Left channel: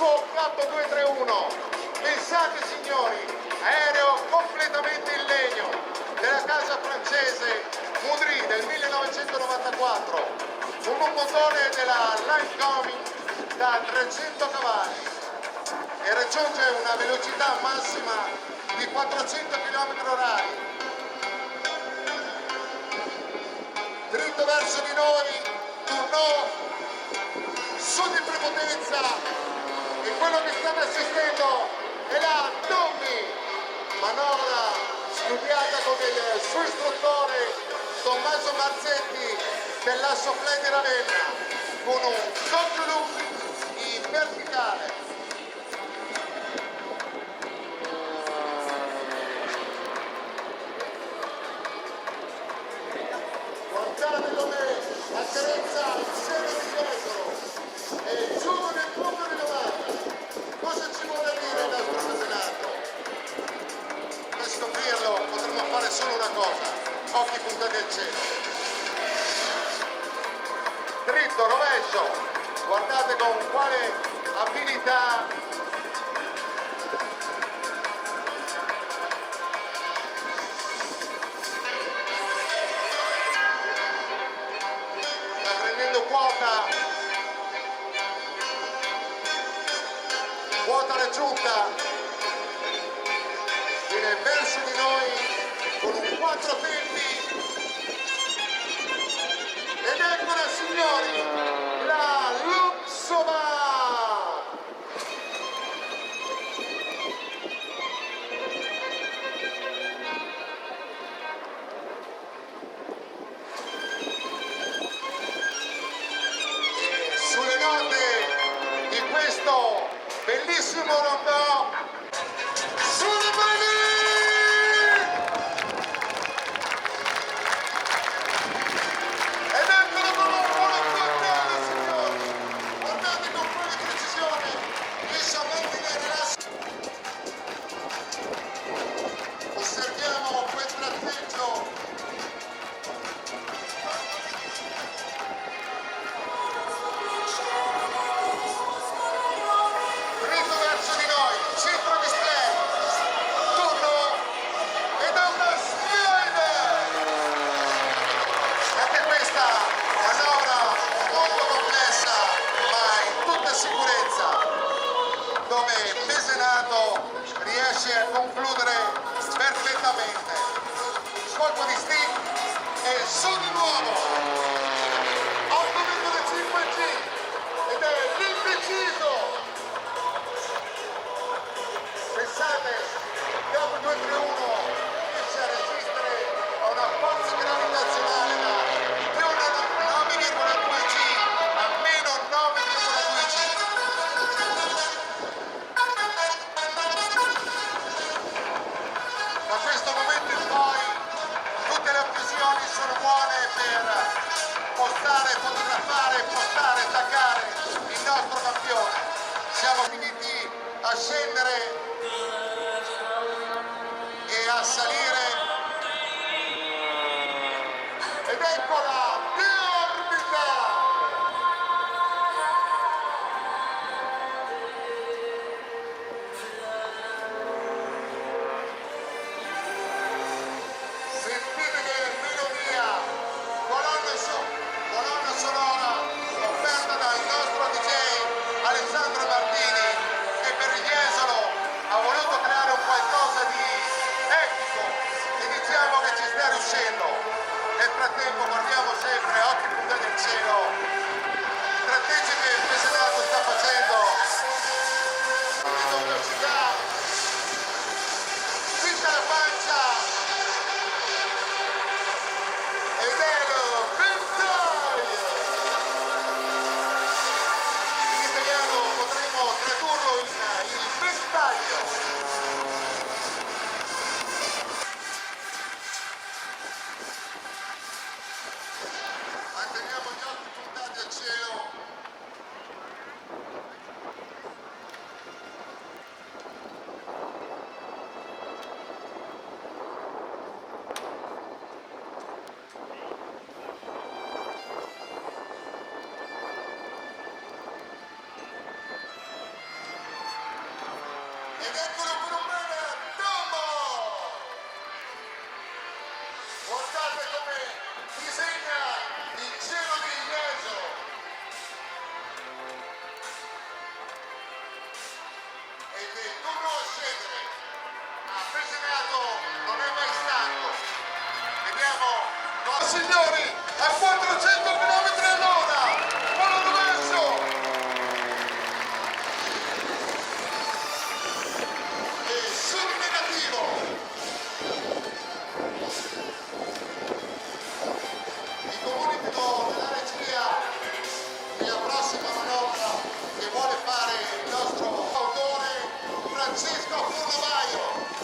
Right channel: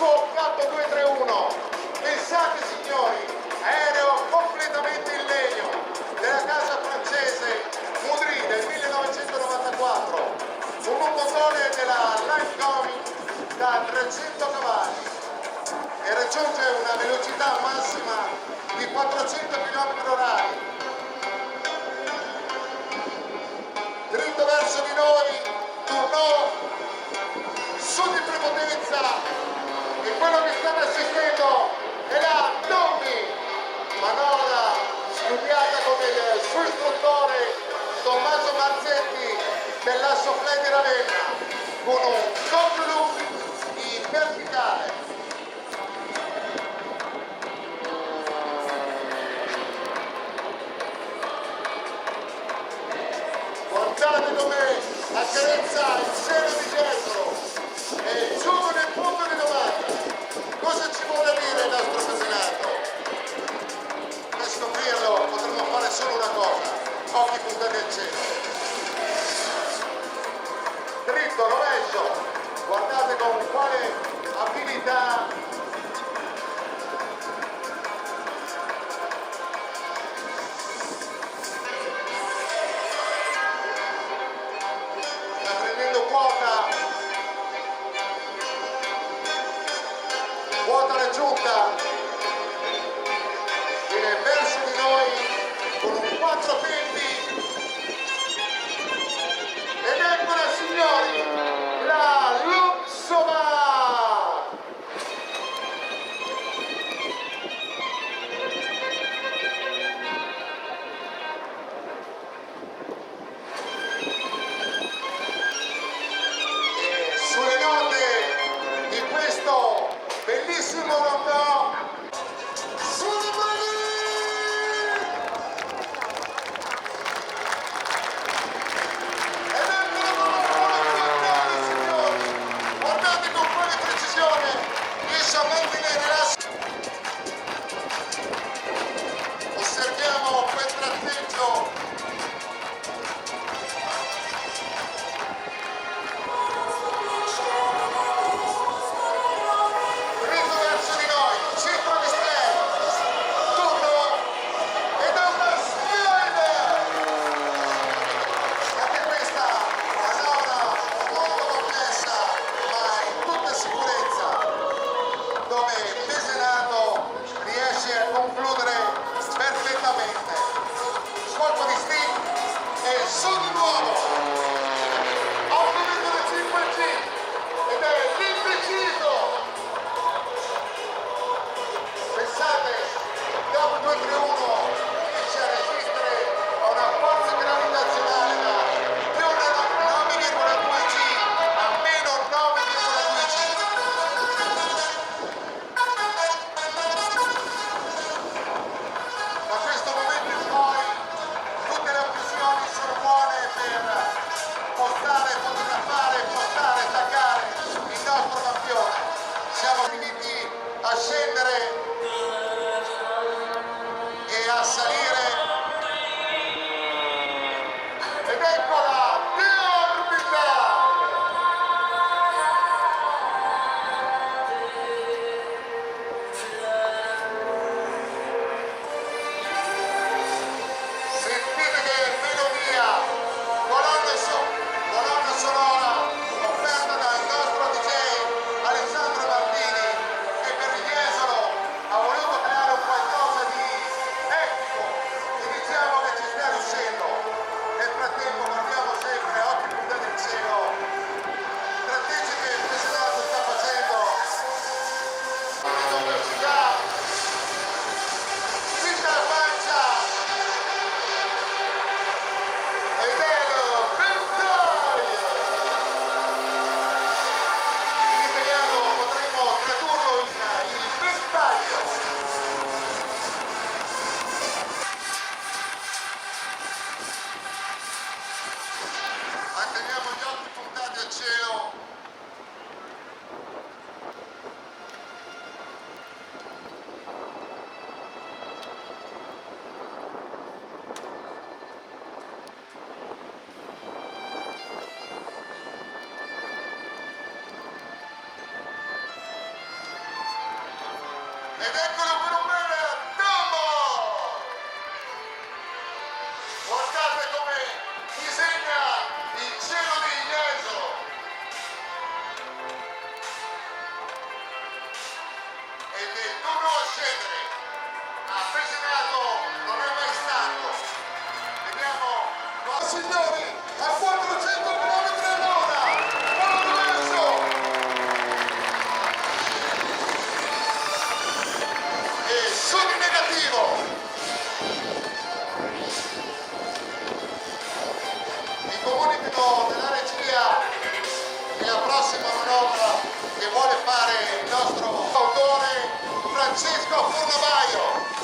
suo K231. Pensate signori, aereo completamente in legno della casa francese Moudry del 1994, con un motore della Line da 300 cavalli e raggiunge una velocità massima di 400 km/h. Dritto verso di noi, tornò su di prepotenza, e quello che state assistendo è la Dommi, manovra studiata con il suo istruttore Tommaso Marzetti dell'Asso Fly di Ravenna, con un doppio loop in verticale. Guardate come accarezza il seno di dietro e giù nel punto di domanda. Cosa ci vuole dire il nostro casenato? Per scoprirlo potremmo fare solo una cosa: occhi puntati al cielo. Dritto, rovescio, guardate con quale abilità sta prendendo quota raggiunta, viene verso di noi con un 4 tempi, ed eccola signori, la Luxova! E sulle note di questo bellissimo rondò, sulle mani! Ed eccolo con un buon controllo, signori! Guardate con quale precisione riesce a mantenere la... Osserviamo quel tratteggio. Dritto verso di noi, centro Ed eccolo per un bel Dumbo! Guardate come disegna il cielo di Ieso. E del turno a scendere. Appassionato, non è mai stanco. Vediamo. No, signori, a 400 km all'ora. Palo diverso. E sul negativo. Vi comunico della regia che la prossima manovra che vuole fare il nostro autore Francesco Furlavaio.